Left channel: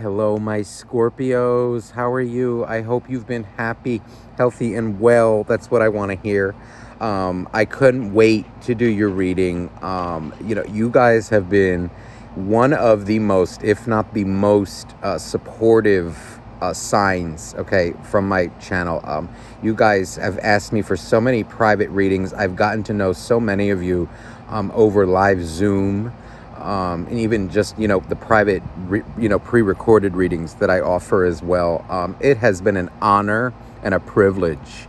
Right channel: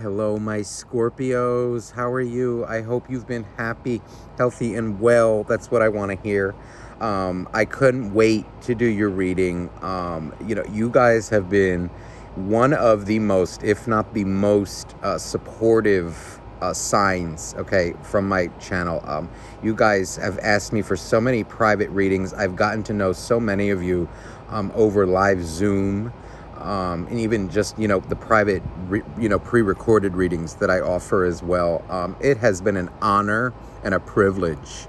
Hello, my Scorpios. How are you? I hope you've been happy, healthy, and well. That's what I want to hear. I couldn't wait to do your reading. You guys have been one of the most, if not the most, supportive signs, okay, from my channel. You guys have asked me for so many private readings. I've gotten to know so many of you over live Zoom. And even just, the private, pre-recorded readings that I offer as well. It has been an honor and a privilege.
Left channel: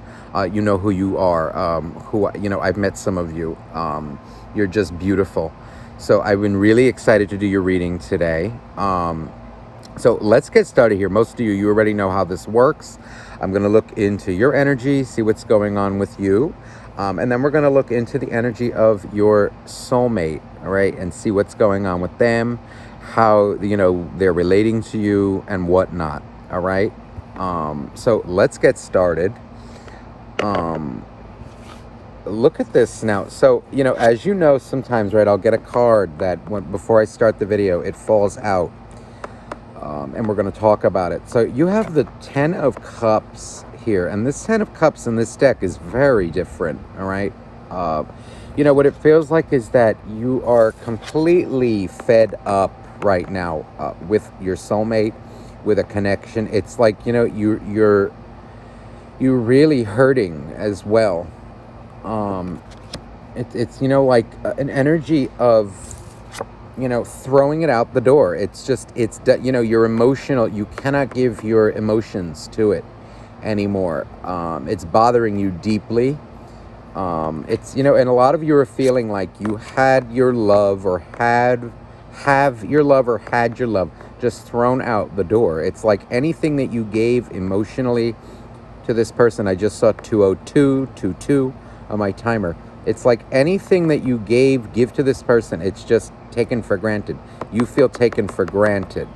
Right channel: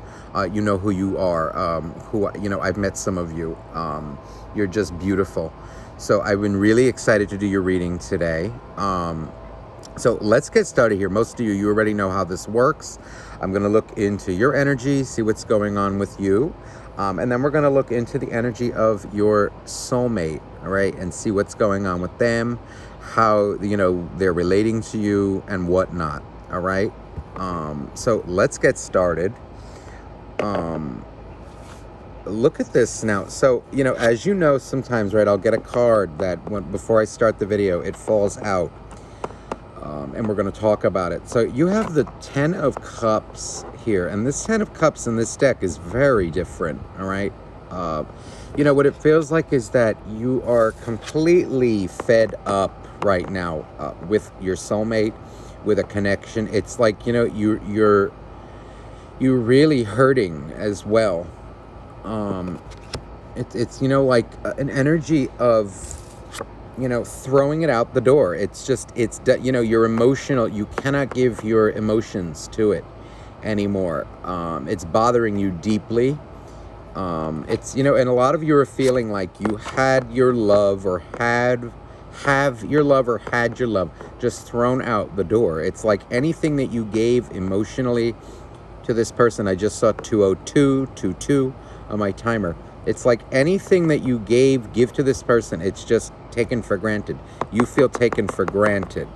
You know who you are, I've met some of you. You're just beautiful. So I've been really excited to do your reading today. So let's get started here. Most of you already know how this works. I'm going to look into your energy, see what's going on with you. And then we're going to look into the energy of your soulmate, all right, and see what's going on with them, how, they're relating to you and whatnot, all right? So let's get started. Look at this now. So, as you know, sometimes, right, I'll get a card that before I start the video, it falls out. And we're going to talk about it. So you have the 10 of Cups here, and this 10 of Cups in this deck is very different, all right? What it feels like is that you are completely fed up right now with your soulmate, with a connection. It's like, you're really hurting as well. It's like an energy of throwing it out the door. It's just, you're emotional. You cannot give your emotions to it anymore. It's bothering you deeply. It's, and a lot of you are feeling like you had your love or have your love or had your love just thrown out the door. It's like anything that you gave emotionally to this person. I just saw 20222 on my timer. It's like anything that you give to this person, it's just taken for granted. You feel taken for granted.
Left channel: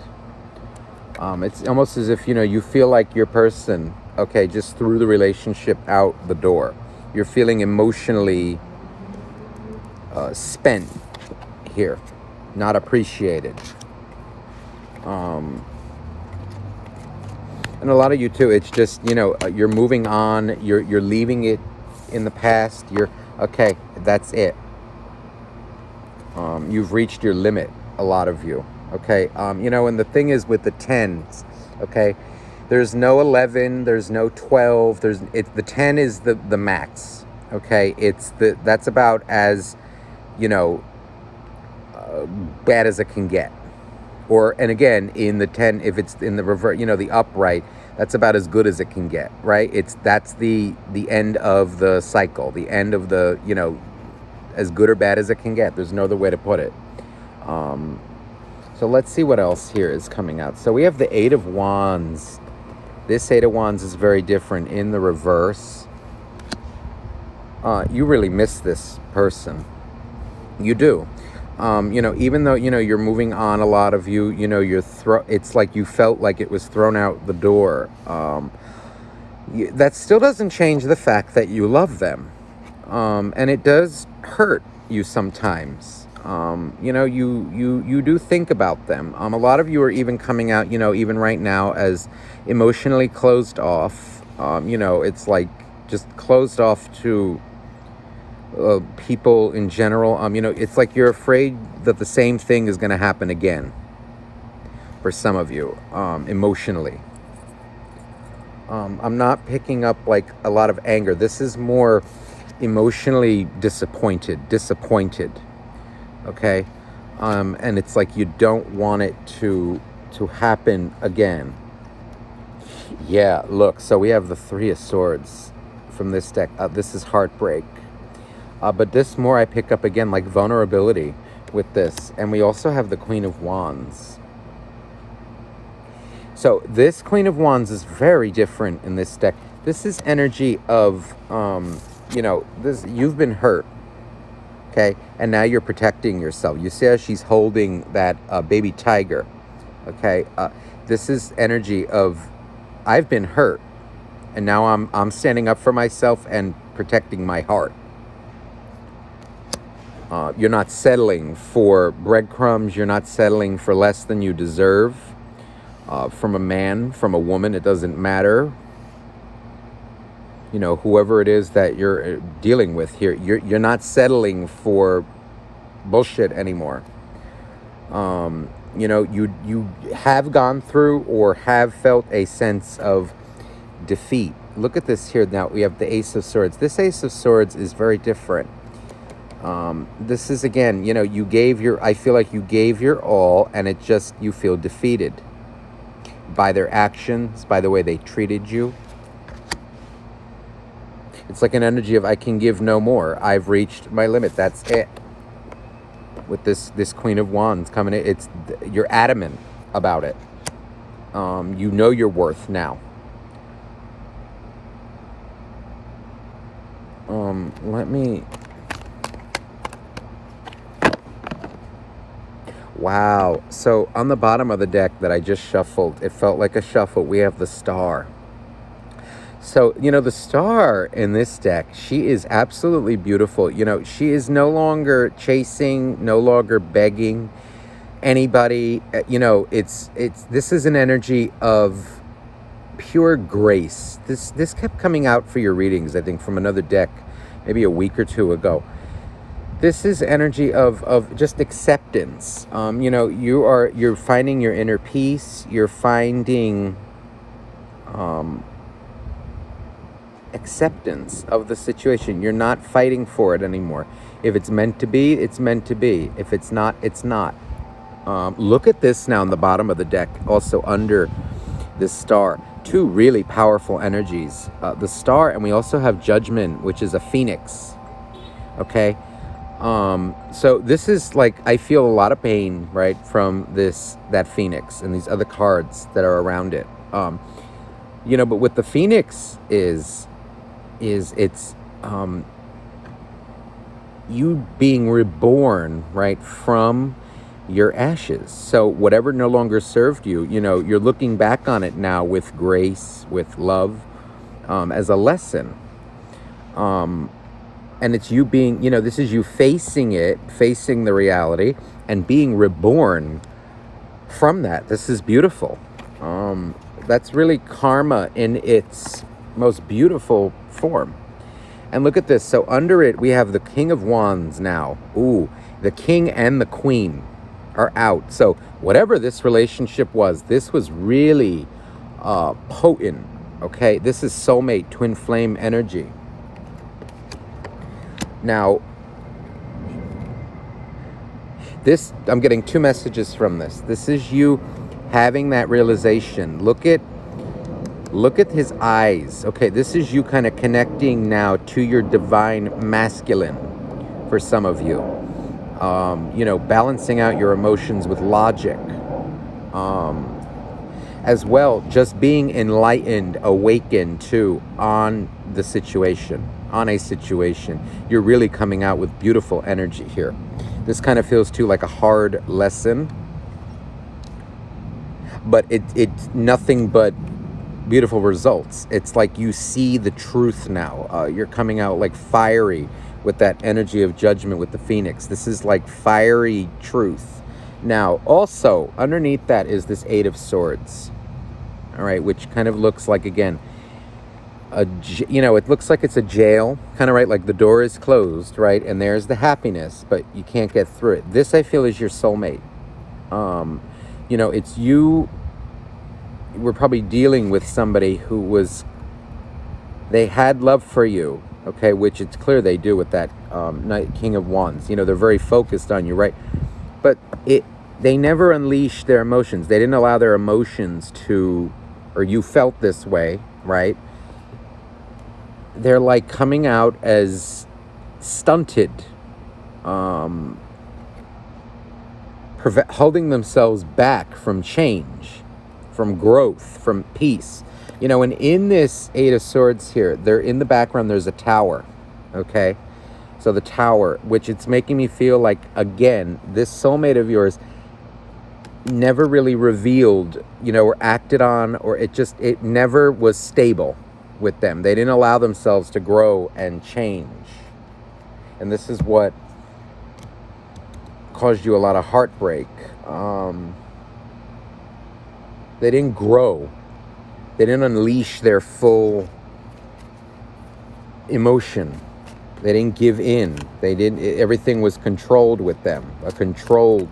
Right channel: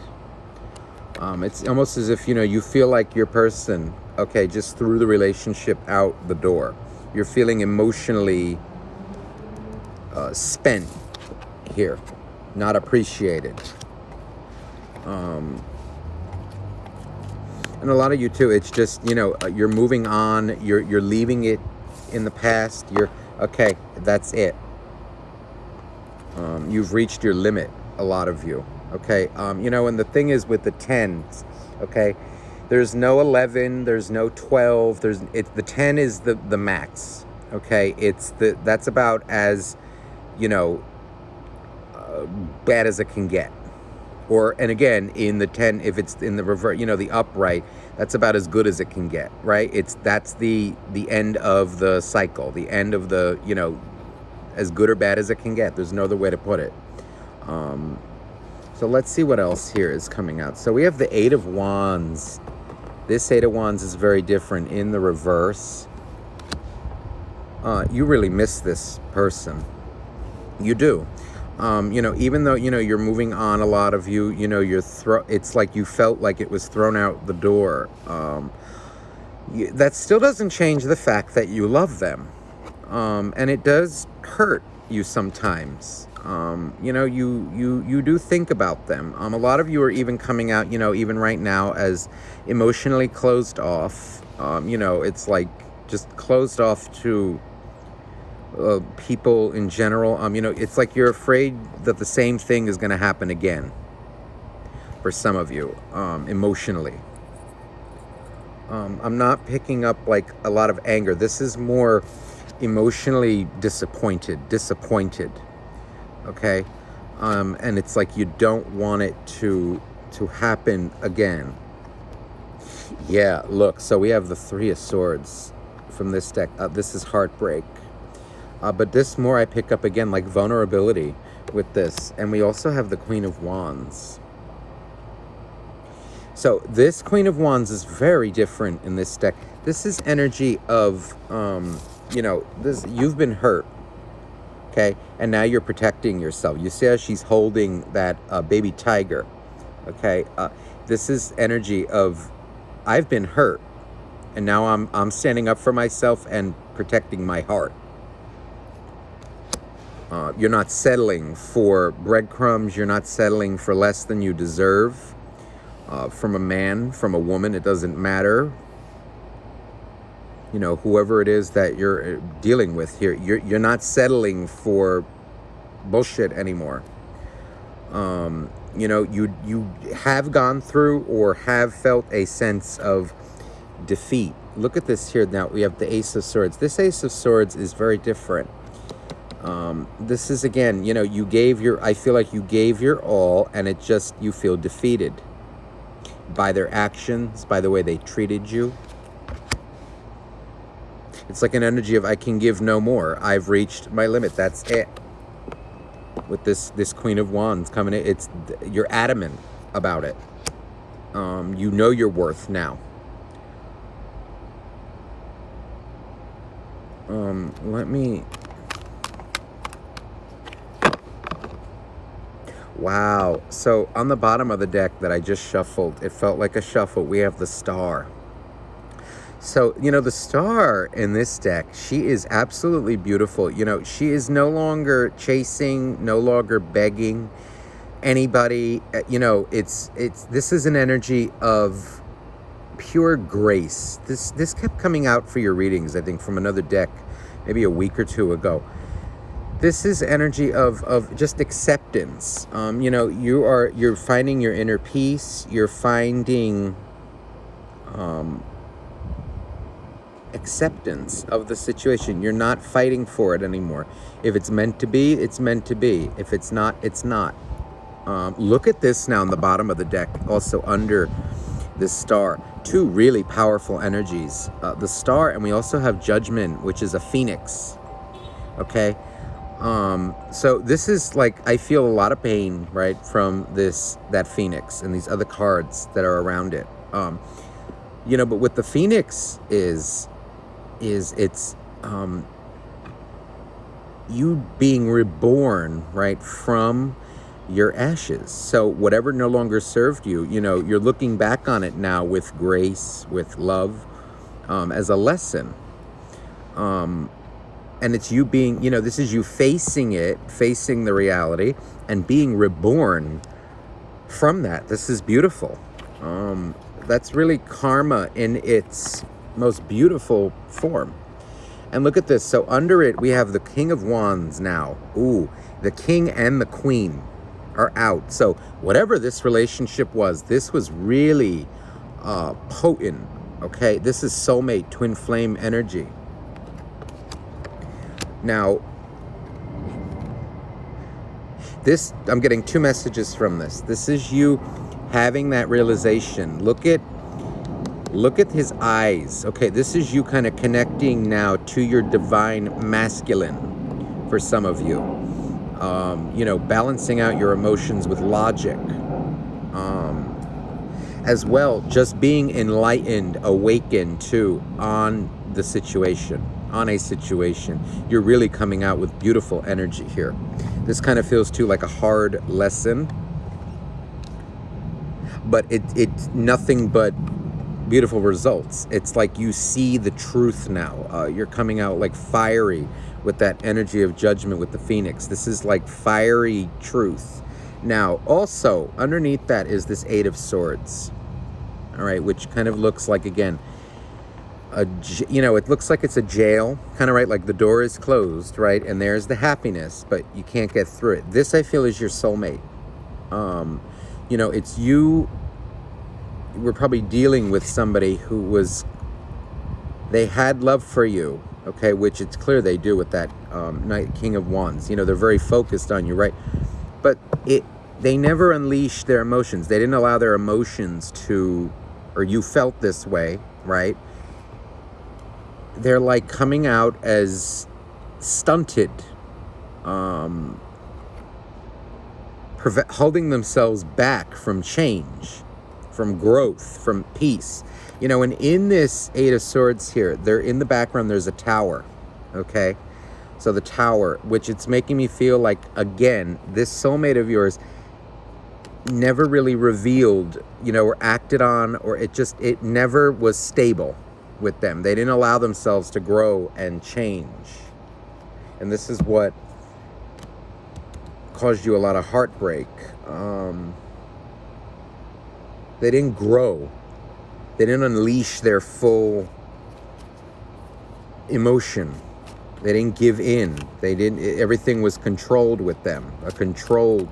It's almost as if, you feel like your person, okay, just threw the relationship out the door. You're feeling emotionally spent here, not appreciated. And a lot of you too, it's just, you're moving on, you're leaving it in the past. Okay, that's it. You've reached your limit, a lot of you, okay? And the thing is with the 10s, okay, there's no 11, there's no 12, the 10 is the max, okay? That's about as, bad as it can get. And again, in the 10, if it's in the reverse, the upright, that's about as good as it can get, right? That's the end of the cycle, the end of the, as good or bad as it can get. There's no other way to put it. So let's see what else here is coming out. So we have the 8 of Wands. This 8 of Wands is very different in the reverse. You really miss this person. You do. Even though, you're moving on, a lot of you, it's like you felt like it was thrown out the door. That still doesn't change the fact that you love them. And it does hurt you sometimes. You do think about them. A lot of you are even coming out, even right now, as emotionally closed off. It's like just closed off to people in general. It's like you're afraid that the same thing is going to happen again for some of you, emotionally. I'm not picking up like a lot of anger. This is more emotionally disappointed, okay? And it's like you don't want it to happen again. Yeah, look, so we have the 3 of Swords from this deck. This is heartbreak. But this more I pick up again like vulnerability with this. And we also have the Queen of Wands. So this Queen of Wands is very different in this deck. This is energy of, you've been hurt, okay? And now you're protecting yourself. You see how she's holding that baby tiger, okay? This is energy of, I've been hurt, and now I'm standing up for myself and protecting my heart. You're not settling for breadcrumbs. You're not settling for less than you deserve. from a man, from a woman, it doesn't matter. You know, whoever it is that you're dealing with here, you're not settling for bullshit anymore. You know, you have gone through or have felt a sense of defeat. Look at this here now. We have the Ace of Swords. This Ace of Swords is very different. This is, again, you know, I feel like you gave your all, and it just, you feel defeated by their actions, by the way they treated you. It's like an energy of, I can give no more. I've reached my limit. That's it. With this Queen of Wands coming in, you're adamant about it. You know your worth now. Let me... Wow. So on the bottom of the deck that I just shuffled, it felt like a shuffle. We have the Star. So, you know, the Star in this deck, she is absolutely beautiful. You know, she is no longer chasing, no longer begging anybody. You know, this is an energy of pure grace. This kept coming out for your readings, I think, from another deck, maybe a week or two ago. This is energy of just acceptance. You know, you're finding your inner peace. You're finding acceptance of the situation. You're not fighting for it anymore. If it's meant to be, it's meant to be. If it's not, it's not. Look at this now on the bottom of the deck, also under this Star. Two really powerful energies. The Star, and we also have Judgment, which is a phoenix. Okay? So this is like, I feel a lot of pain, right, from that Phoenix and these other cards that are around it. You know, but what the Phoenix is it's you being reborn, right, from your ashes. So whatever no longer served you, you know, you're looking back on it now with grace, with love, as a lesson. And it's you being, you know, this is you facing the reality and being reborn from that. This is beautiful. That's really karma in its most beautiful form. And look at this. So under it, we have the King of Wands now. Ooh, the King and the Queen are out. So whatever this relationship was, this was really potent. Okay, this is soulmate, twin flame energy. Now, I'm getting two messages from this. This is you having that realization. Look at his eyes. Okay, this is you kind of connecting now to your divine masculine for some of you. You know, balancing out your emotions with logic. As well, just being enlightened, awakened too on a situation. You're really coming out with beautiful energy here. This kind of feels too like a hard lesson, but it's nothing but beautiful results. It's like you see the truth now. You're coming out like fiery with that energy of Judgment with the Phoenix. This is like fiery truth. Now, also, underneath that is this Eight of Swords. All right, which kind of looks like, again, you know, it looks like it's a jail, kind of, right? Like the door is closed, right? And there's the happiness, but you can't get through it. This, I feel, is your soulmate. You know, it's you. We're probably dealing with somebody they had love for you, okay, which it's clear they do with that King of Wands. You know, they're very focused on you, right? But they never unleashed their emotions. They didn't allow their emotions or you felt this way, right? They're like coming out as stunted, holding themselves back from change, from growth, from peace. You know, and in this Eight of Swords here, in the background, there's a tower, okay? So the tower, which it's making me feel like, again, this soulmate of yours never really revealed, you know, or acted on, or it never was stable with them. They didn't allow themselves to grow and change. And this is what caused you a lot of heartbreak. They didn't grow. They didn't unleash their full emotion. They didn't give in. Everything was controlled with them. A controlled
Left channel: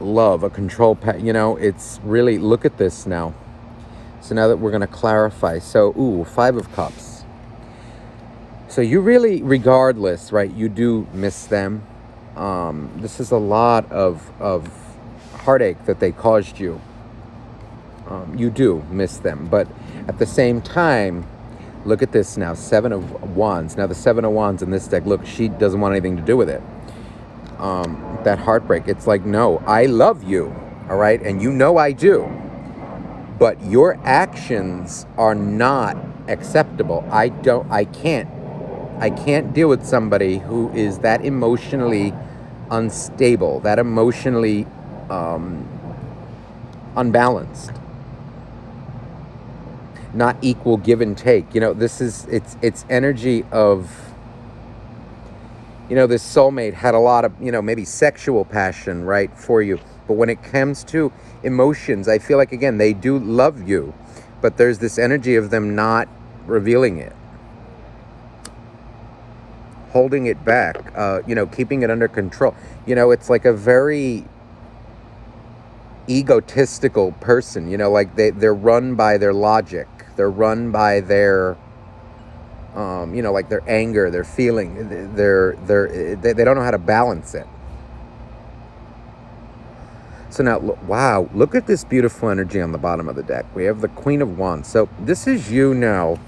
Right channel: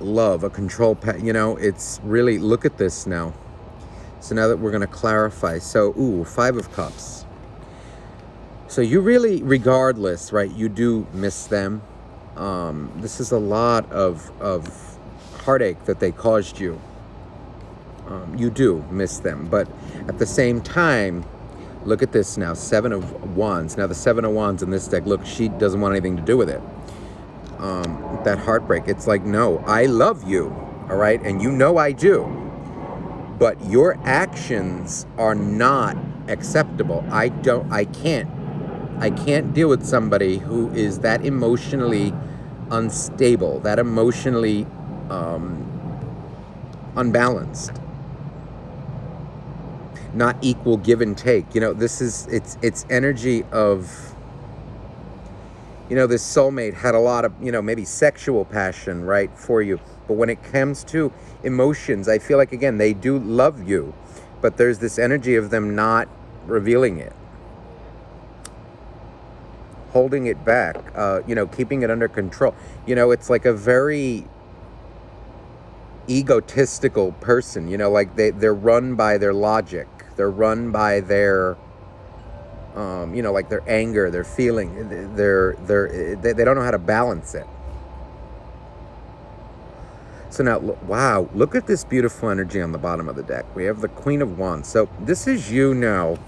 love, a controlled, it's really, look at this now. So now that we're going to clarify. So, 5 of Cups. So you really, regardless, right, you do miss them. This is a lot of heartache that they caused you. You do miss them. But at the same time, look at this now, 7 of Wands. Now the 7 of Wands in this deck, look, she doesn't want anything to do with it. That heartbreak, it's like, no, I love you, all right? And you know I do. But your actions are not acceptable. I can't deal with somebody who is that emotionally unstable, that emotionally unbalanced, not equal give and take. This is, it's energy of, this soulmate had a lot of, maybe sexual passion, right, for you. But when it comes to emotions, I feel like, again, they do love you, but there's this energy of them not revealing it, holding it back, keeping it under control. It's like a very egotistical person, like they're run by their logic. They're run by their, like their anger, their feeling, they don't know how to balance it. So now, wow, look at this beautiful energy on the bottom of the deck. We have the Queen of Wands. So this is you now,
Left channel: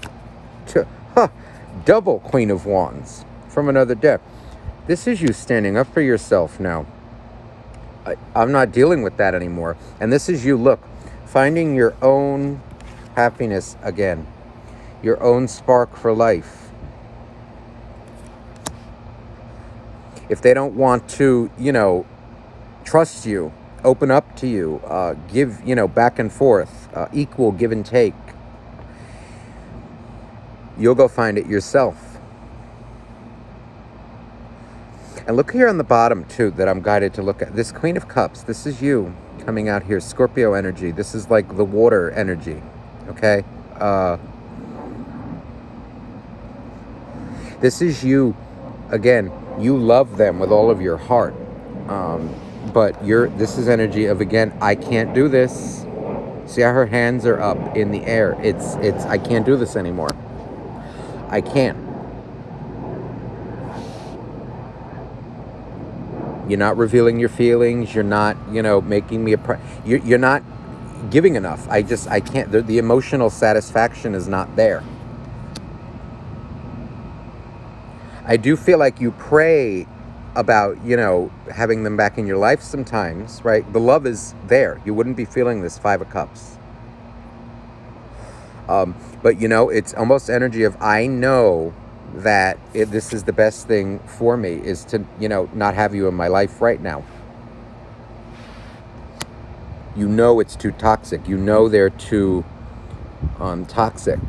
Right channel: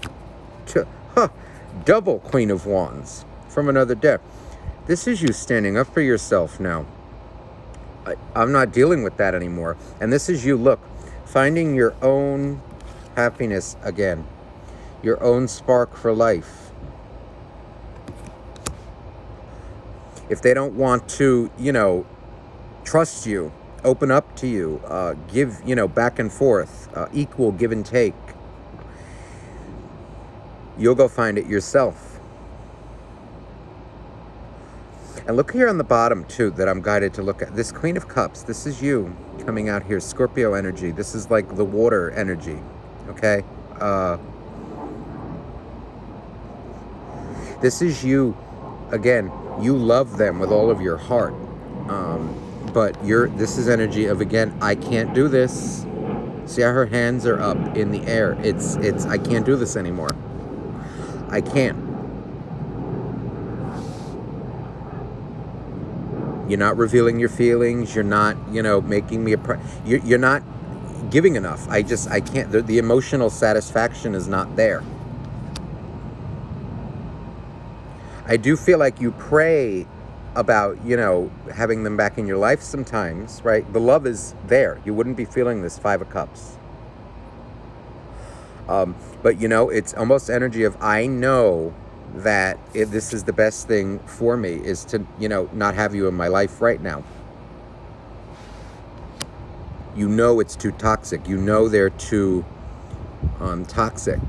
double Queen of Wands from another deck. This is you standing up for yourself now. I'm not dealing with that anymore. And this is you, look, finding your own happiness again, your own spark for life. If they don't want to, trust you, open up to you, give, back and forth, equal give and take, you'll go find it yourself. And look here on the bottom, too, that I'm guided to look at. This Queen of Cups, this is you coming out here. Scorpio energy. This is like the water energy, okay? This is you, again, you love them with all of your heart. But this is energy of, again, I can't do this. See how her hands are up in the air. It's I can't do this anymore. I can't. You're not revealing your feelings. You're not, making me you're not giving enough. I can't. The emotional satisfaction is not there. I do feel like you pray about, having them back in your life sometimes, right? The love is there. You wouldn't be feeling this 5 of Cups. But, it's almost energy of, I know that this is the best thing for me, is to, not have you in my life right now. It's too toxic. They're too toxic.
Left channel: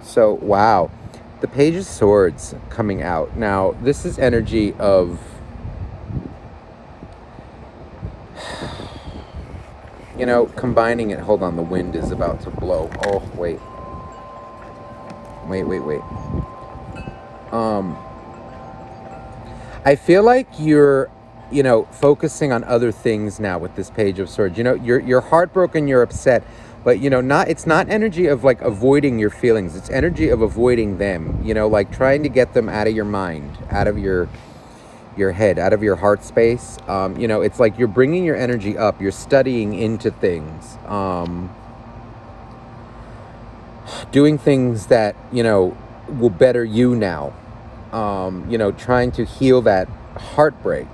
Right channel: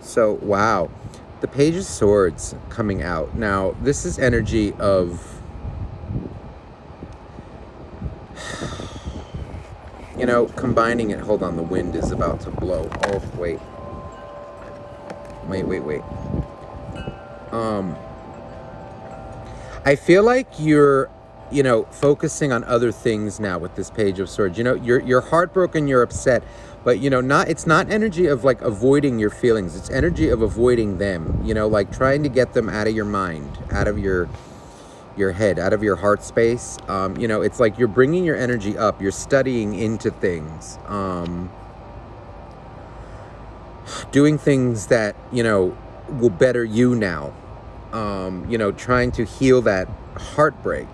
So, wow. The Page of Swords coming out. Now, this is energy of, combining it. Hold on, the wind is about to blow. Oh, wait. I feel like you're, focusing on other things now with this Page of Swords. You're heartbroken, you're upset, but, it's not energy of, like, avoiding your feelings. It's energy of avoiding them, like trying to get them out of your mind, out of your head, out of your heart space. It's like you're bringing your energy up. You're studying into things, doing things that, will better you now. Trying to heal that heartbreak.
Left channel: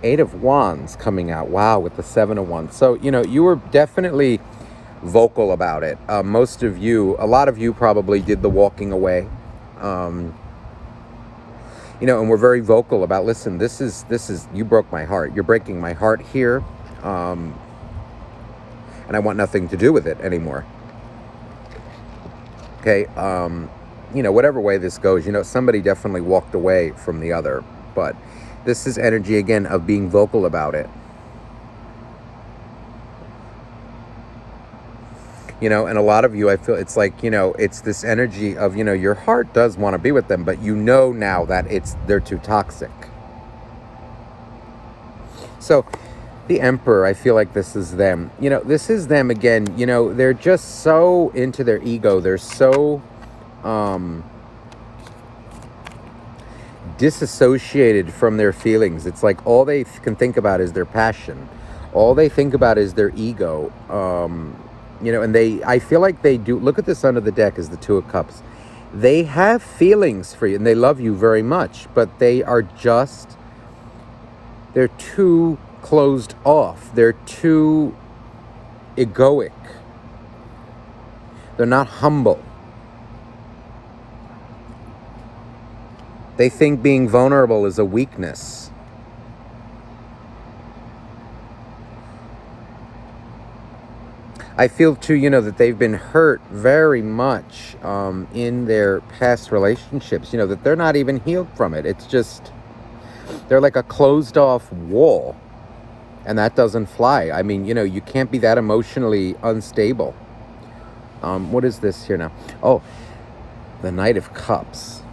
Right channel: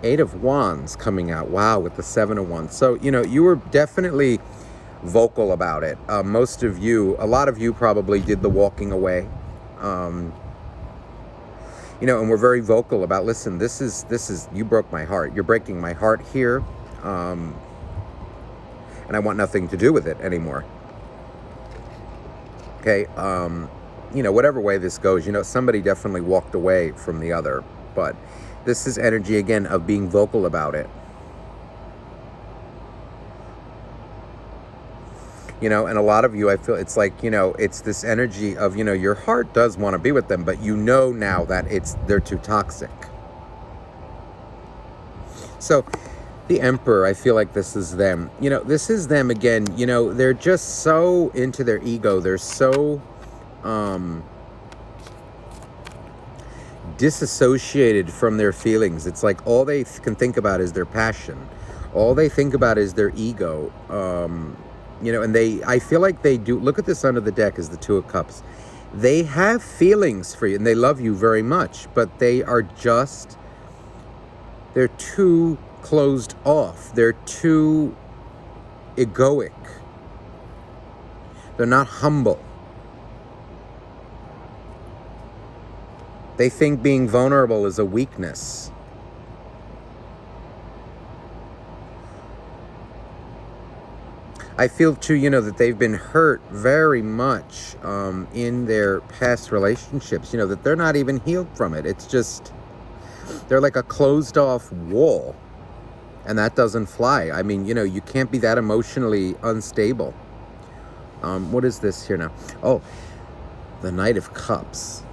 8 of Wands coming out. Wow, with the 7 of Wands. So, you were definitely vocal about it. A lot of you probably did the walking away. And we're very vocal about, listen, this is, you broke my heart. You're breaking my heart here. And I want nothing to do with it anymore. Okay. Whatever way this goes, somebody definitely walked away from the other, but this is energy again of being vocal about it. You know, and a lot of you, I feel it's like, you know, it's this energy of, you know, your heart does want to be with them, but you know now that they're too toxic. So the Emperor, I feel like this is them. You know, this is them again. You know, they're just so into their ego. They're so disassociated from their feelings. It's like all they can think about is their passion. All they think about is their ego. You know, and I feel like they do. Look at this under the deck is the Two of Cups. They have feelings for you and they love you very much, but they're too closed off. They're too egoic. They're not humble. They think being vulnerable is a weakness. I feel too, you know, that they've been hurt very much in their past relationships, you know, that they're not even healed from it. It's just, they're like a closed off wall, and that doesn't fly. I mean, you know, you can't be that emotionally unstable. What is this here now? Oh, the Knight of Cups.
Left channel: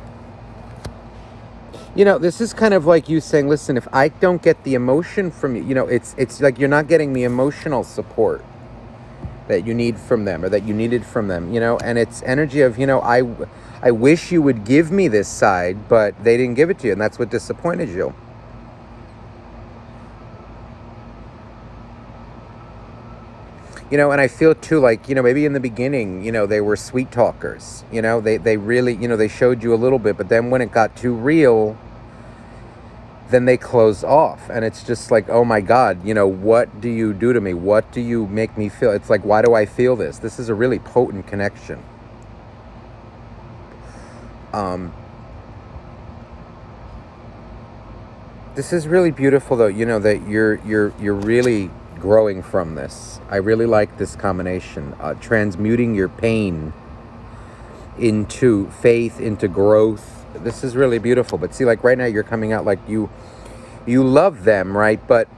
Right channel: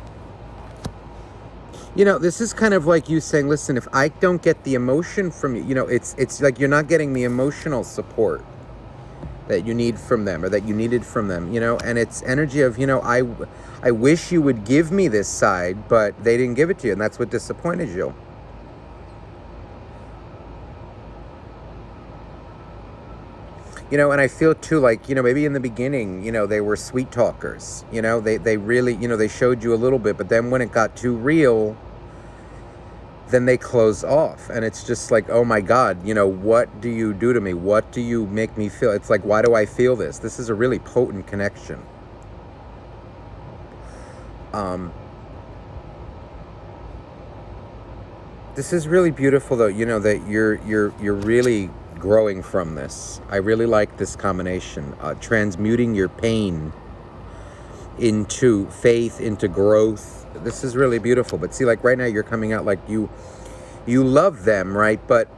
You know, this is kind of like you saying, listen, if I don't get the emotion from you, you know, it's like you're not getting the emotional support that you need from them, or that you needed from them, you know, and it's energy of, you know, I wish you would give me this side, but they didn't give it to you, and that's what disappointed you. You know, and I feel too like, you know, maybe in the beginning, you know, they were sweet talkers, you know, they really, you know, they showed you a little bit, but then when it got too real, then they close off, and it's just like, oh my God, you know, what do you do to me? What do you make me feel? It's like, why do I feel this? This is a really potent connection. This is really beautiful, though. You know that you're really growing from this. I really like this combination, transmuting your pain into faith, into growth. This is really beautiful. But see, like right now, you're coming out like you love them, right? But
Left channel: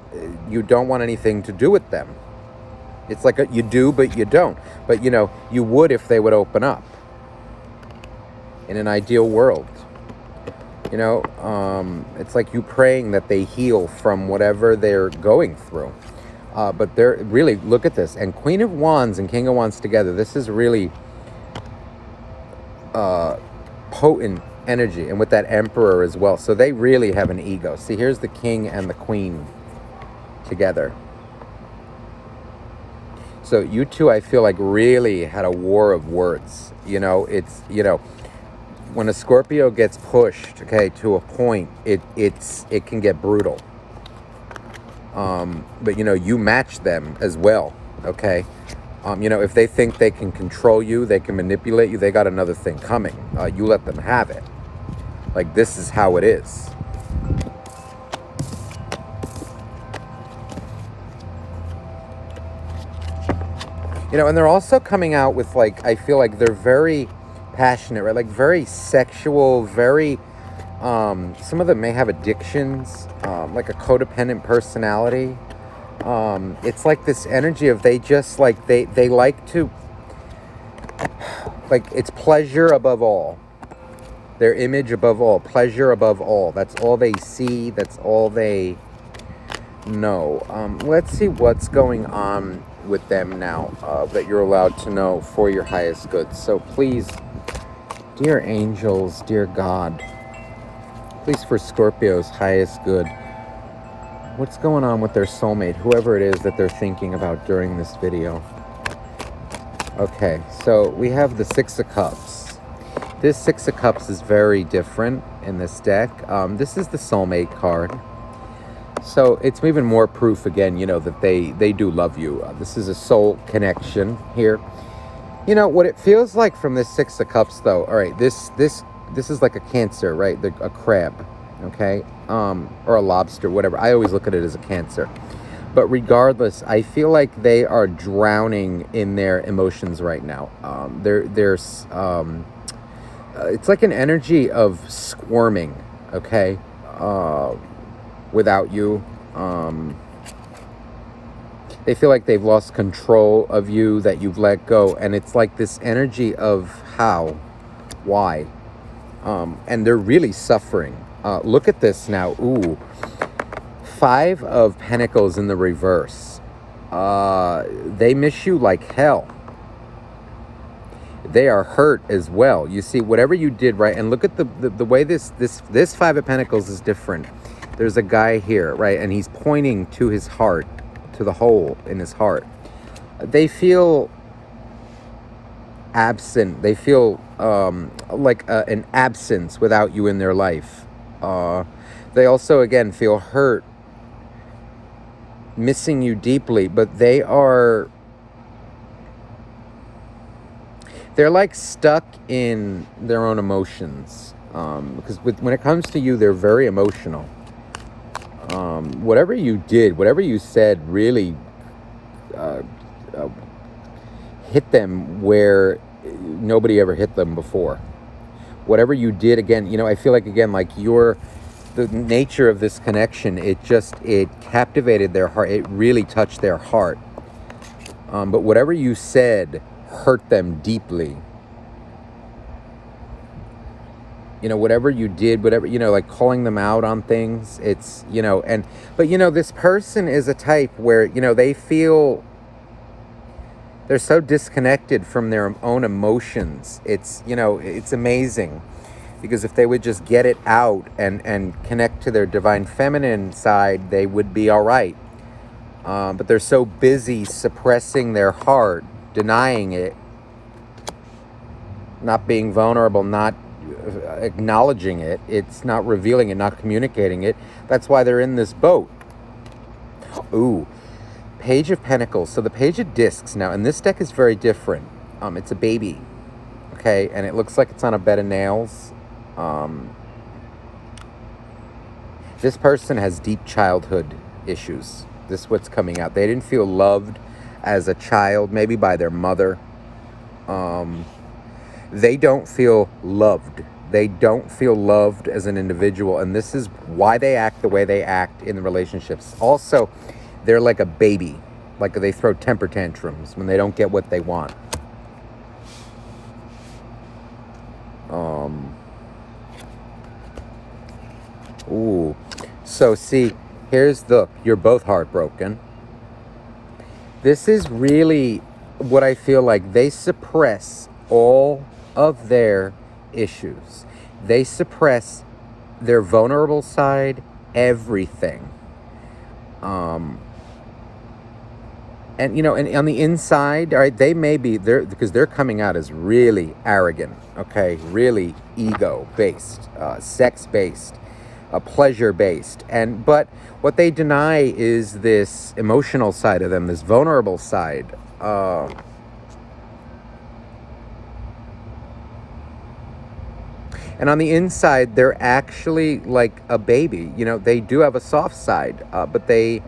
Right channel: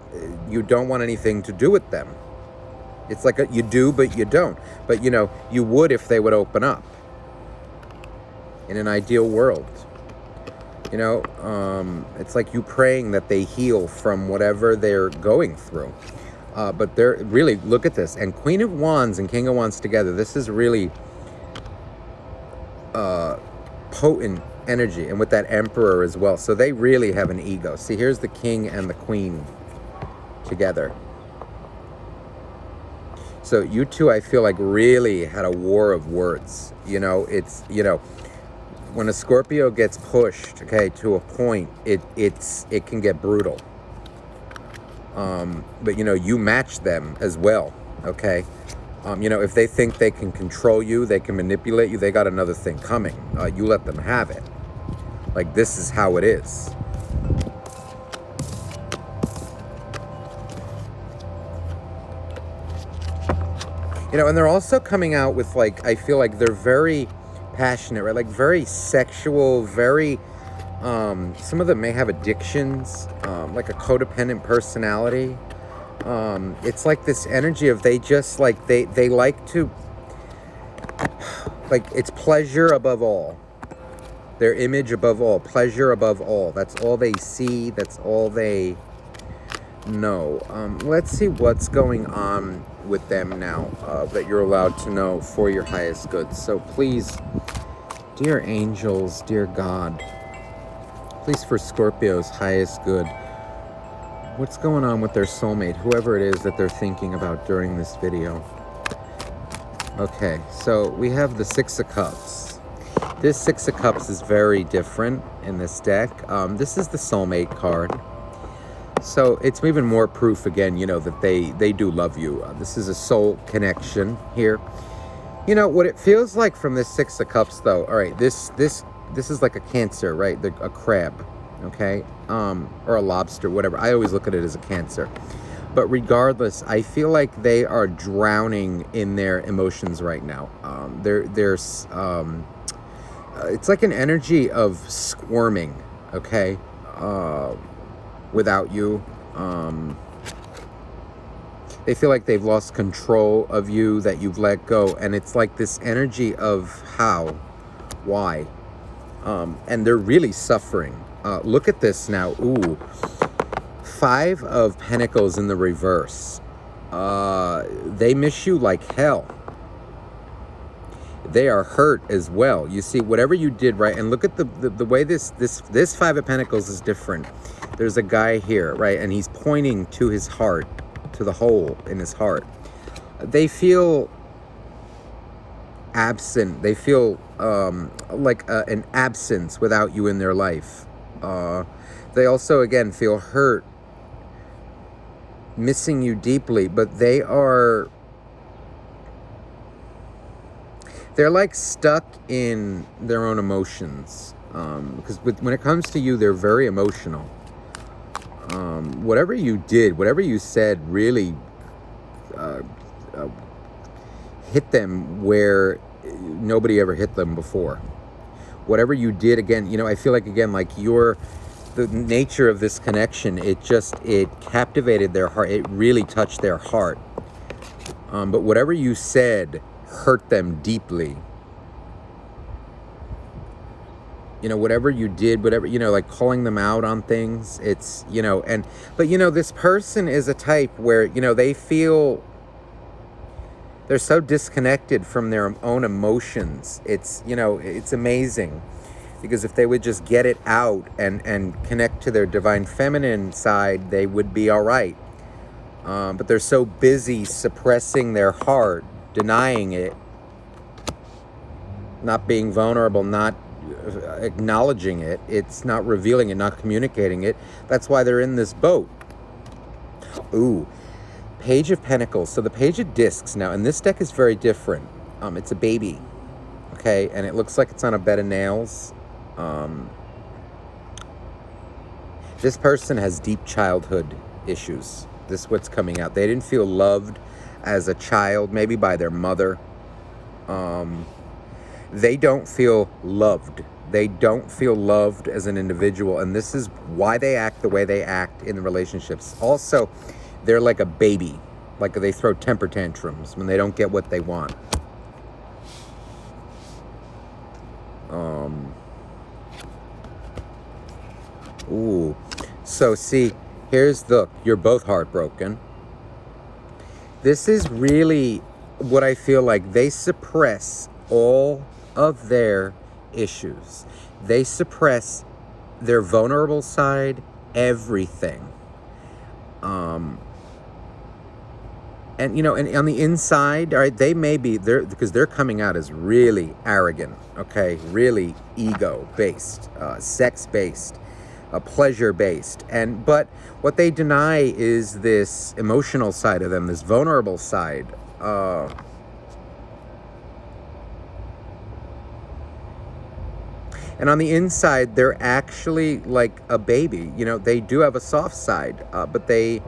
you don't want anything to do with them. It's like you do, but you don't. But, you know, you would if they would open up in an ideal world. You know, it's like you praying that they heal from whatever they're going through. But they're really, look at this. And Queen of Wands and King of Wands together, this is really potent energy, and with that Emperor as well. So they really have an ego. See, here's the King and the Queen together. So you two, I feel like, really had a war of words. You know, it's, you know, when a Scorpio gets pushed, okay, to a point, it can get brutal. But, you know, you match them as well, okay? You know, if they think they can control you, they can manipulate you, they got another thing coming. You let them have it. Like, this is how it is. You know, and they're also coming out with, like, I feel like they're very passionate, right? Like, very sexual, very, some of them may have addictions, like a codependent personality. It's like this energy of they just, like, they like to, like, it's pleasure above all. Their image above all, pleasure above all. That's all they see. That's all they know. Let's see what's going on with them now that you're allowed to know for your highest good. So please, dear angels, dear God, please for Scorpio's highest good, what's going on with their soulmate, whoever it is that they're thinking about during this video. Okay, so we have the Six of Cups. This Six of Cups is very different in this deck. This is the soulmate card. So it's even more proof, again, you know, that they do love you. This is a soul connection here. You know, what it feels like from this Six of Cups, though, all right, this is like a Cancer, right? A crab, okay? Or a lobster, whatever. I always look at it as a Cancer. But regardless, I feel like they are drowning in their emotions right now. There's it's like an energy of squirming, okay, without you. They feel like they've lost control of you, that you've let go. And it's like this energy of how, why. And they're really suffering. Look at this now. Ooh. 5 of Pentacles in the reverse. They miss you like hell. They are hurt as well. You see, whatever you did, right? And look at the way this 5 of Pentacles is different. There's a guy here, right? And he's pointing to his heart, to the hole in his heart. They feel absent. They feel like an absence without you in their life. They also, again, feel hurt, missing you deeply, but they're like stuck in their own emotions. Because when it comes to you, they're very emotional. Whatever you did, whatever you said really hit them where nobody ever hit them before. Whatever you did, again, you know, I feel like, again, like the nature of this connection, it captivated their heart. It really touched their heart. But whatever you said hurt them deeply. You know, whatever you did, whatever, you know, like calling them out on things, it's, you know, but, you know, this person is a type where, you know, they feel they're so disconnected from their own emotions. It's, you know, it's amazing. Because if they would just get it out and connect to their divine feminine side, they would be all right. But they're so busy suppressing their heart, denying it, not being vulnerable, not acknowledging it. It's not revealing it, not communicating it. That's why they're in this boat. Ooh, Page of Pentacles. So the Page of Discs now, and this deck is very different. It's a baby, okay? And it looks like it's on a bed of nails. This person has deep childhood issues. This is what's coming out. They didn't feel loved as a child, maybe by their mother. They don't feel loved. They don't feel loved as an individual, and this is why they act the way they act in the relationships. Also, they're like a baby. Like they throw temper tantrums when they don't get what they want. Ooh. So see, you're both heartbroken. This is really what I feel like. They suppress all of their issues. They suppress their vulnerable side, everything. And, you know, and on the inside, all right, they may be there because they're coming out as really arrogant, okay, really ego-based, sex-based, pleasure-based. But what they deny is this emotional side of them, this vulnerable side. And on the inside, they're actually like a baby. You know, they do have a soft side, but they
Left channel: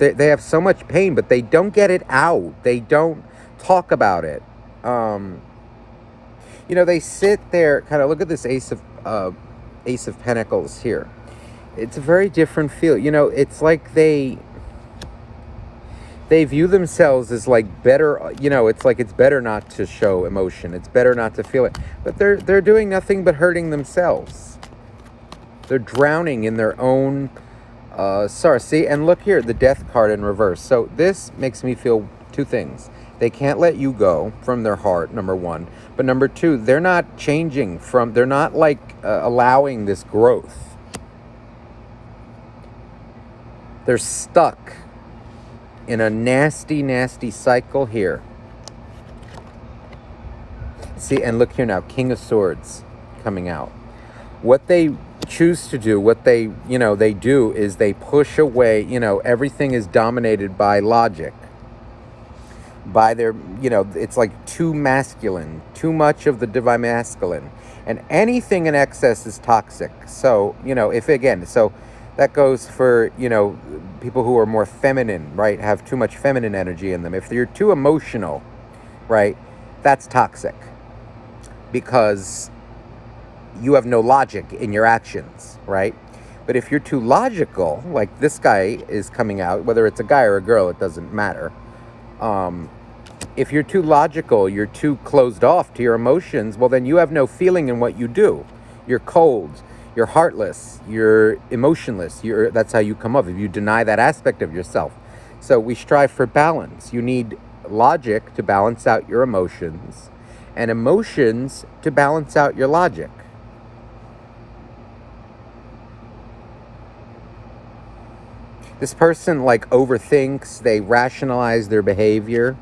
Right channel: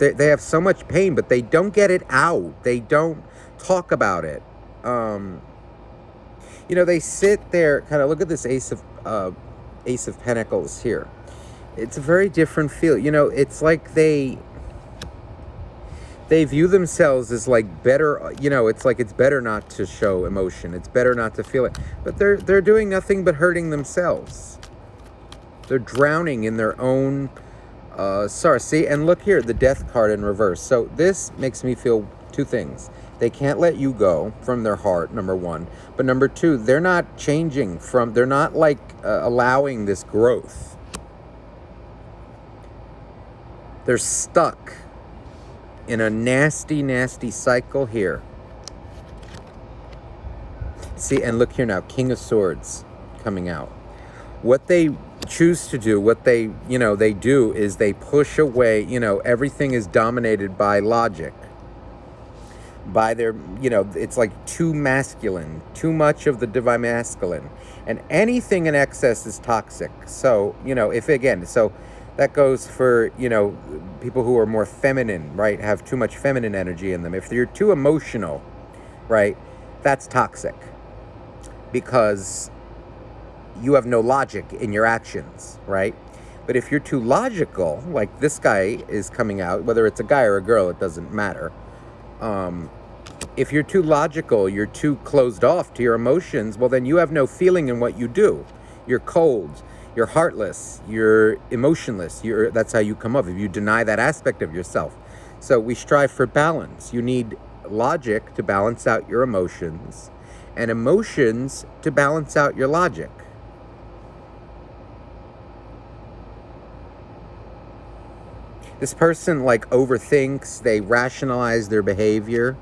have so much pain, but they don't get it out. They don't talk about it. You know, they sit there, kind of look at this Ace of Pentacles here. It's a very different feel. You know, it's like they view themselves as like better, you know, it's like it's better not to show emotion. It's better not to feel it. But they're doing nothing but hurting themselves. They're drowning in their own sorry. See, and look here, the Death card in reverse. So this makes me feel two things. They can't let you go from their heart, number one. But number two, they're not changing they're not like allowing this growth. They're stuck in a nasty, nasty cycle here. See, and look here now, King of Swords coming out. What they choose to do, what they do is they push away, you know, everything is dominated by logic. By their, you know, it's like too masculine, too much of the divine masculine. And anything in excess is toxic. So, you know, so that goes for, you know, people who are more feminine, right? Have too much feminine energy in them. If you're too emotional, right, that's toxic. Because you have no logic in your actions, right? But if you're too logical, like this guy is coming out, whether it's a guy or a girl, it doesn't matter. If you're too logical, you're too closed off to your emotions, well, then you have no feeling in what you do. You're cold, you're heartless, you're emotionless. That's how you come up, if you deny that aspect of yourself. So we strive for balance. You need logic to balance out your emotions, and emotions to balance out your logic. This person like overthinks, they rationalize their behavior.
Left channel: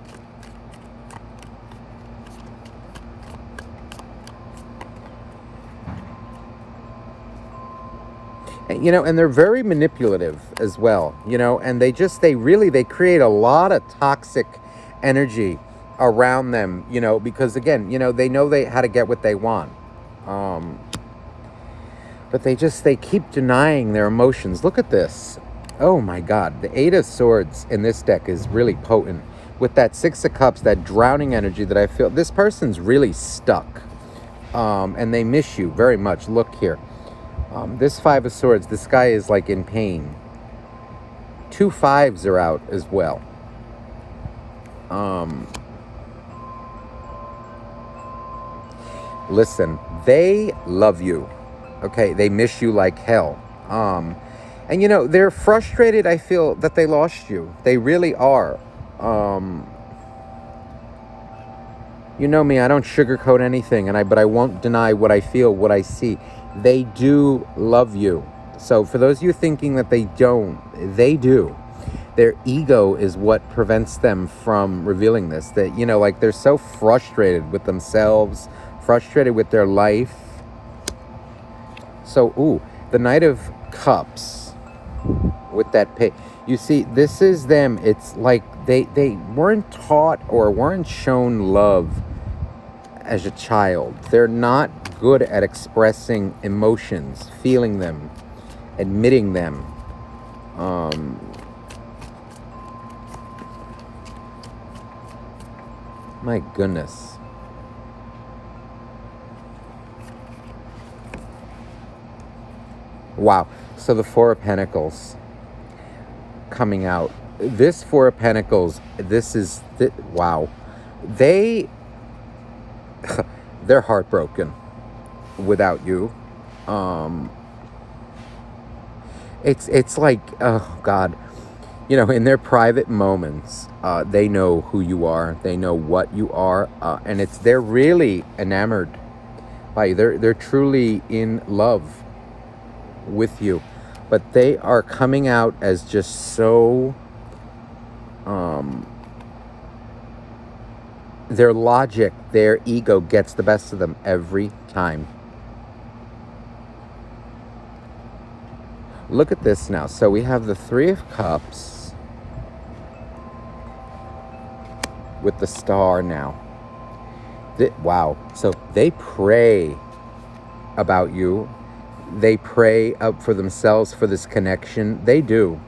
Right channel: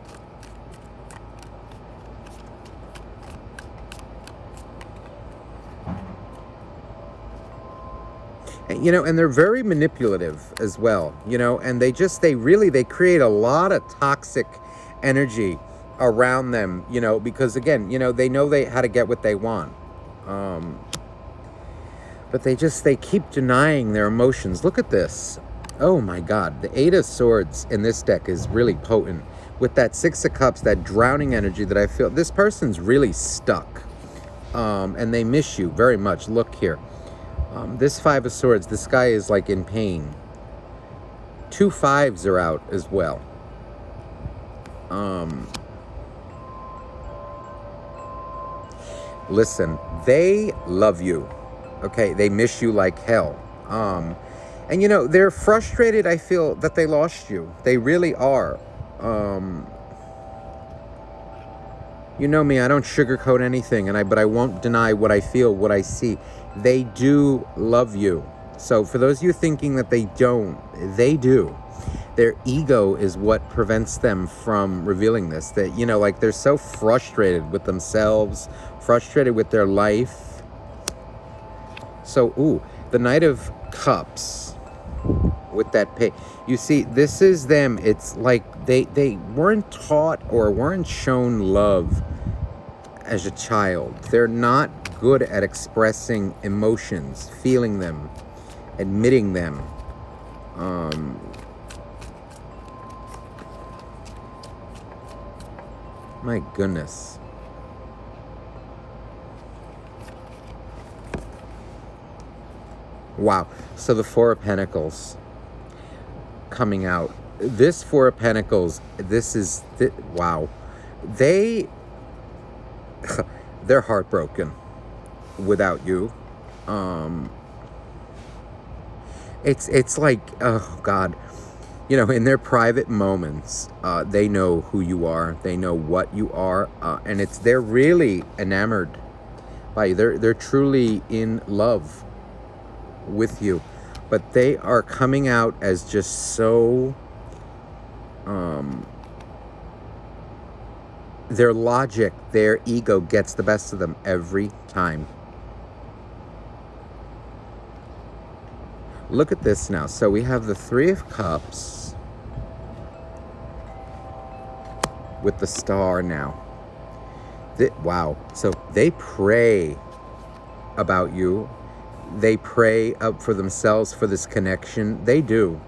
You know, and they're very manipulative as well, you know, and they create a lot of toxic energy around them, you know, because again, you know, they know how to get what they want. But they keep denying their emotions. Look at this. Oh my God. The Eight of Swords in this deck is really potent. With that Six of Cups, that drowning energy that I feel, this person's really stuck. And they miss you very much. Look here. This Five of Swords, this guy is like in pain. 2 5s are out as well. Listen, they love you. Okay, they miss you like hell. And you know, they're frustrated, I feel, that they lost you. They really are. You know me, I don't sugarcoat anything, but I won't deny what I feel, what I see. They do love you. So for those of you thinking that they don't, they do. Their ego is what prevents them from revealing this. That, you know, like they're so frustrated with themselves, frustrated with their life. So, ooh, the Knight of Cups with that pay. You see, this is them. It's like they weren't taught or weren't shown love as a child. They're not good at expressing emotions, feeling them, admitting them. My goodness. Wow. So the Four of Pentacles coming out. This Four of Pentacles, wow. They're heartbroken without you. It's like, oh God, you know, in their private moments, they know who you are, they know what you are, and they're really enamored by you. They're truly in love with you, but they are coming out as just so, their logic, their ego gets the best of them every time. Look at this now. So we have the Three of Cups with the Star now. Wow. So they pray about you. They pray up for themselves for this connection. They do.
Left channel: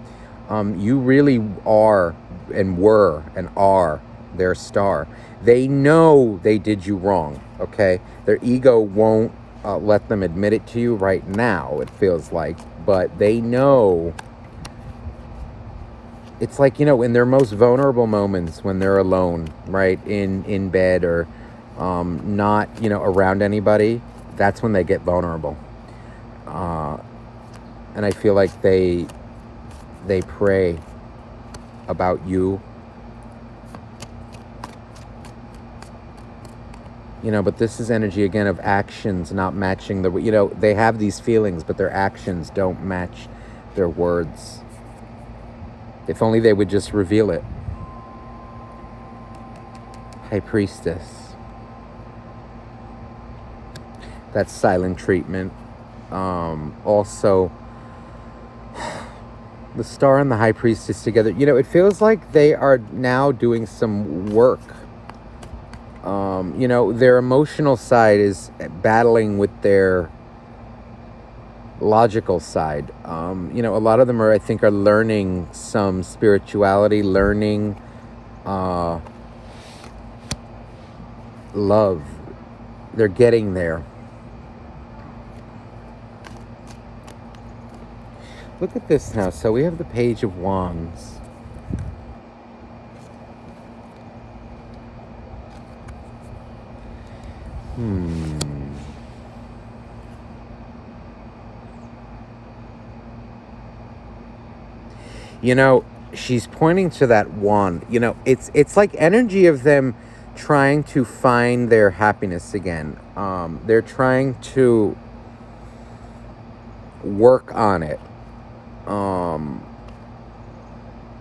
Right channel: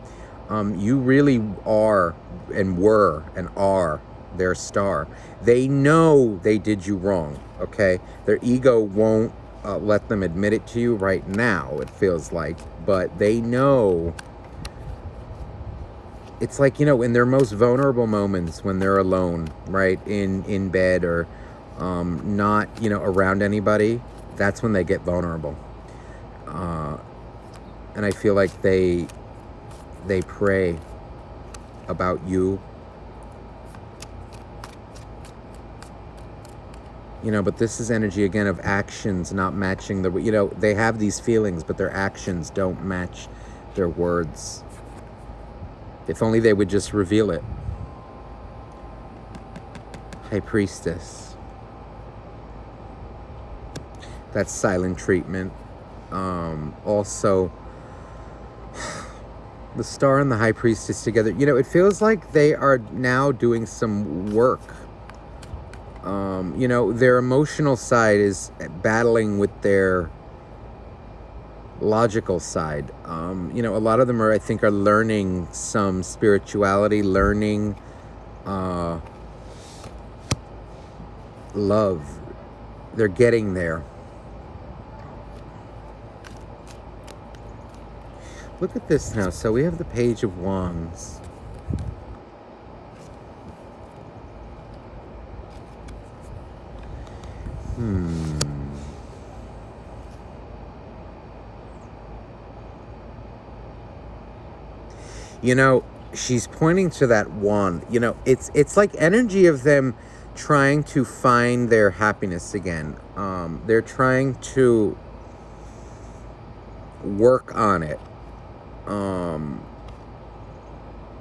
You really are and were and are their star. They know they did you wrong, okay? Their ego won't let them admit it to you right now, it feels like. But they know. It's like, you know, in their most vulnerable moments when they're alone, right? In bed or not, you know, around anybody. That's when they get vulnerable. And I feel like they pray about you. You know, but this is energy, again, of actions not matching you know, they have these feelings, but their actions don't match their words. If only they would just reveal it. High Priestess. That's silent treatment. Also, the Star and the High Priestess together. You know, it feels like they are now doing some work. You know, their emotional side is battling with their logical side. You know, a lot of them I think, are learning some spirituality, learning love. They're getting there. Look at this now. So we have the Page of Wands. You know, she's pointing to that wand. You know, it's like energy of them trying to find their happiness again. They're trying to work on it.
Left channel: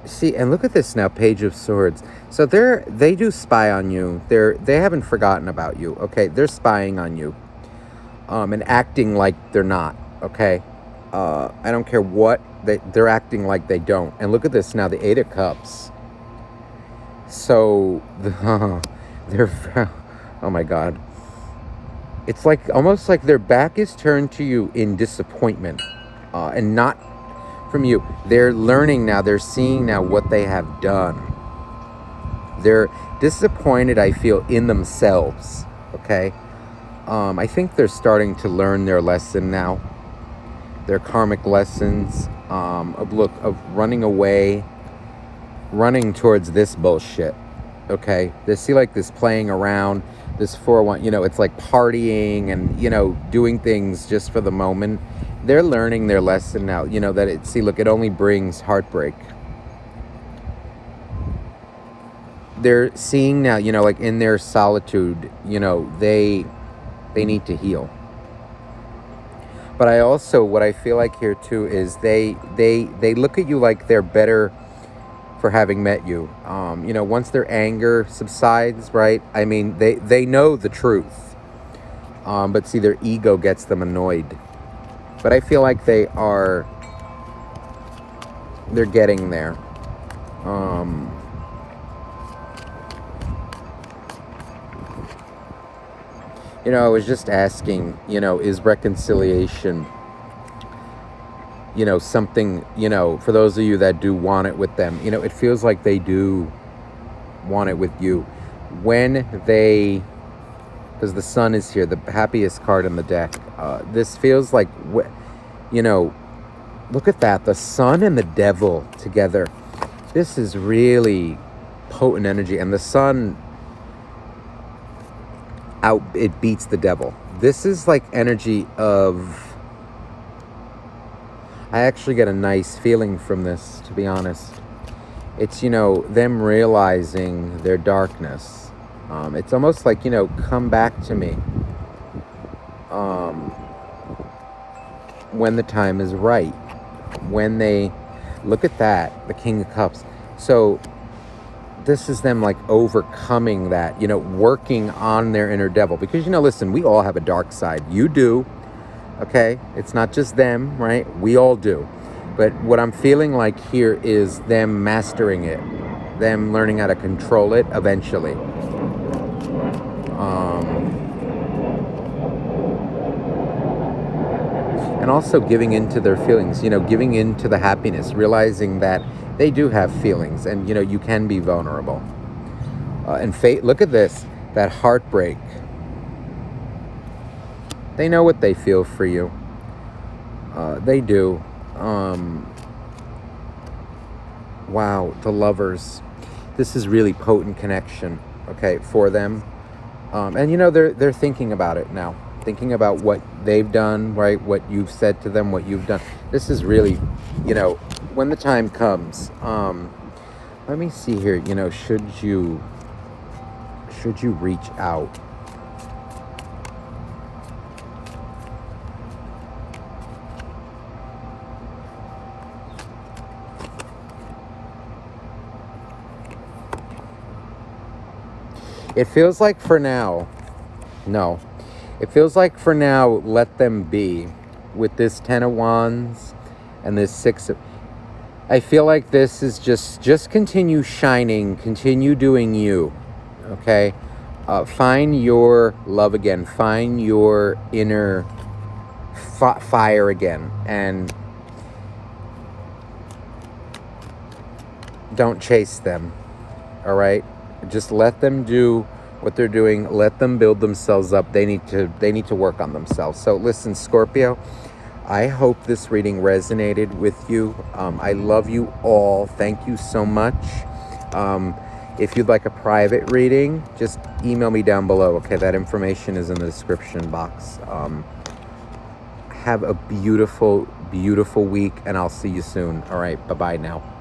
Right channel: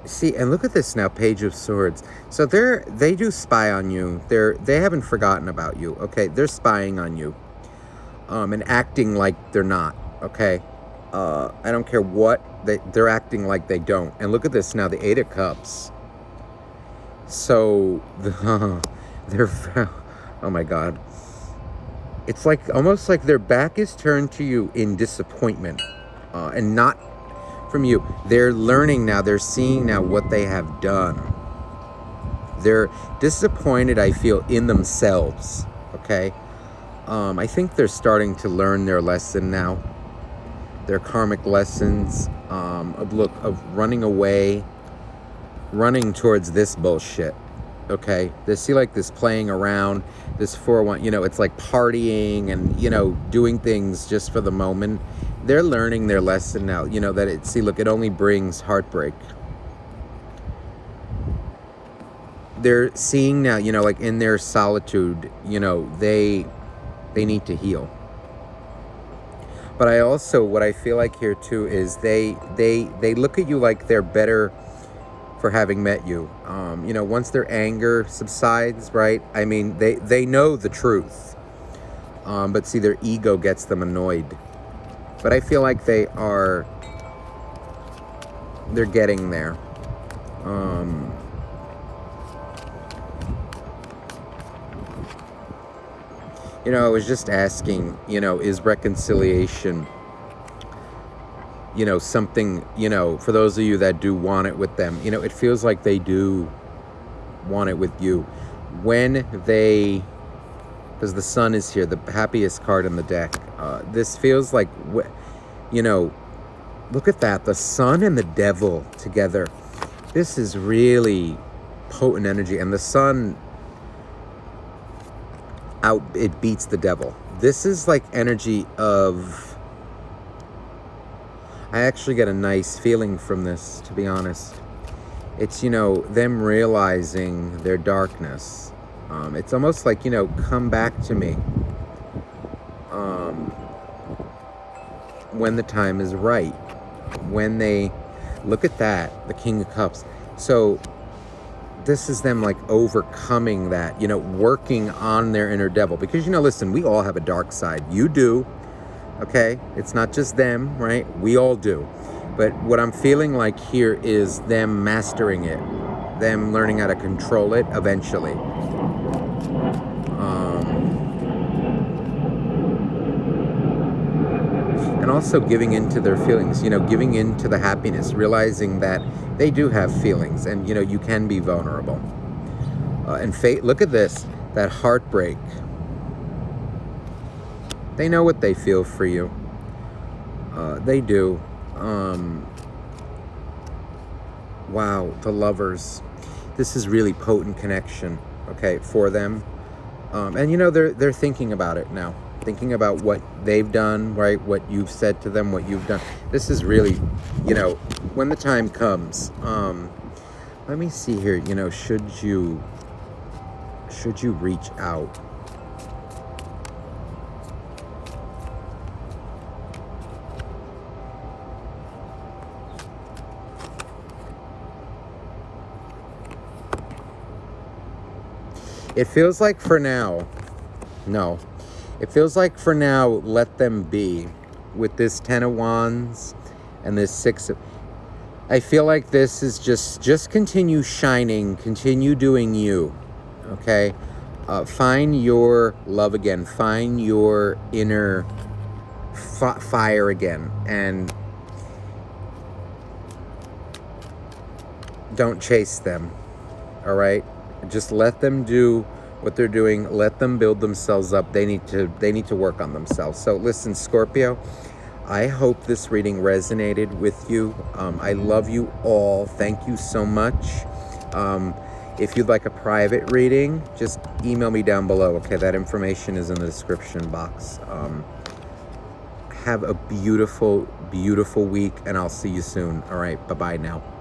See, and look at this now, Page of Swords. So they do spy on you. They haven't forgotten about you. Okay, they're spying on you, and acting like they're not. Okay, I don't care what they're acting like they don't. And look at this now, the Eight of Cups. So they're oh my God, it's like almost like their back is turned to you in disappointment, and not from you. They're learning now. They're seeing now what they have done. They're disappointed, I feel, in themselves. Okay, I think they're starting to learn their lesson now. Their karmic lessons of running away, running towards this bullshit. Okay, they see like this playing around, this 4-1, you know, it's like partying and, you know, doing things just for the moment. They're learning their lesson now, you know, that it only brings heartbreak. They're seeing now, you know, like in their solitude, you know, they need to heal. But I also, what I feel like here too is they look at you like they're better for having met you. You know, once their anger subsides, right? I mean, they know the truth. But see, their ego gets them annoyed. But I feel like they're getting there. You know, I was just asking, you know, is reconciliation, you know, something, you know, for those of you that do want it with them, you know, it feels like they do want it with you. When they, because the Sun is here, the happiest card in the deck. This feels like, you know, look at that, the Sun and the Devil together. This is really potent energy, and the Sun it beats the Devil. This is like energy of, I actually get a nice feeling from this, to be honest. It's, you know, them realizing their darkness. It's almost like, you know, come back to me when the time is right. When they, look at that, the King of Cups. So this is them like overcoming that, you know, working on their inner devil. Because, you know, listen, we all have a dark side. You do, okay? It's not just them, right? We all do. But what I'm feeling like here is them mastering it, them learning how to control it eventually. And also giving into their feelings, you know, giving into the happiness, realizing that they do have feelings, and, you know, you can be vulnerable. And fate, look at this, that heartbreak. They know what they feel for you. They do. Wow, the Lovers. This is really potent connection, okay, for them. And, you know, they're thinking about it now. Thinking about what they've done, right? What you've said to them, what you've done. This is really, you know, when the time comes. Let me see here, you know, should you reach out? It feels like for now, no. It feels like for now, let them be. With this 10 of Wands and this 6 of... I feel like this is just continue shining, continue doing you, okay? Find your love again. Find your inner fire again. And don't chase them, all right? Just let them do what they're doing. Let them build themselves up. They need to work on themselves. So listen, Scorpio, I hope this reading resonated with you. I love you all. Thank you so much. If you'd like a private reading, just email me down below. Okay, that information is in the description box. Have a beautiful, beautiful week, and I'll see you soon. All right, bye-bye now.